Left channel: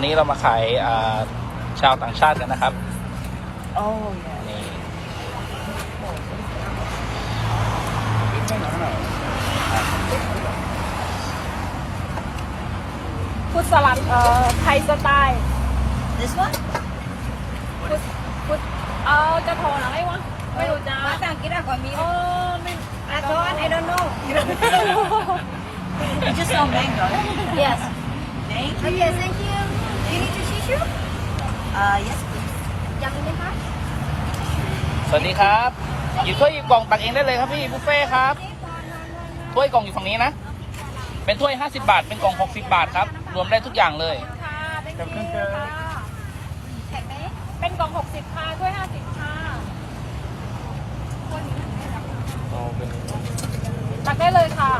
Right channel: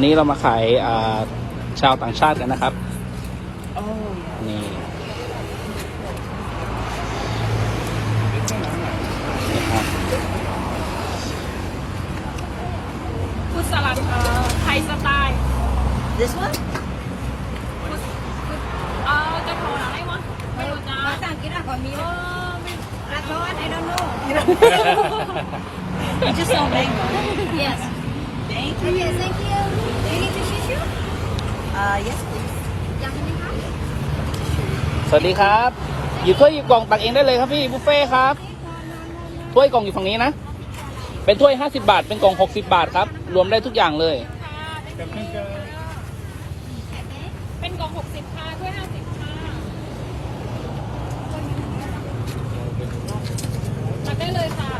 วันนี้เรามาขายชาวต่างชาติกันนะครับพุทธสลัดไทยสไตล์ This one? พุทธจะโทรอะไรวะไม่รู้จ้าภาษาอังกฤษก่อนมีไม่ I don't know You just know mango. Yes Thank you. Yes thank you Do you need to tissue Yes, please. ยังไหมคะ สวัสดีครับหยิบถ้วยหยิบกล่องตักเองได้เลยครับพี่บุฟเฟ่ครับถ้วยกล่องอยู่ตรงนี้นะเป็นถ้วย50 บาทเป็นกล่อง60 บาทครับรวมได้ทุกอย่างเลยเป็นกล่อง60ค่ะถ้วย50ค่ะตักได้เลยค่ะ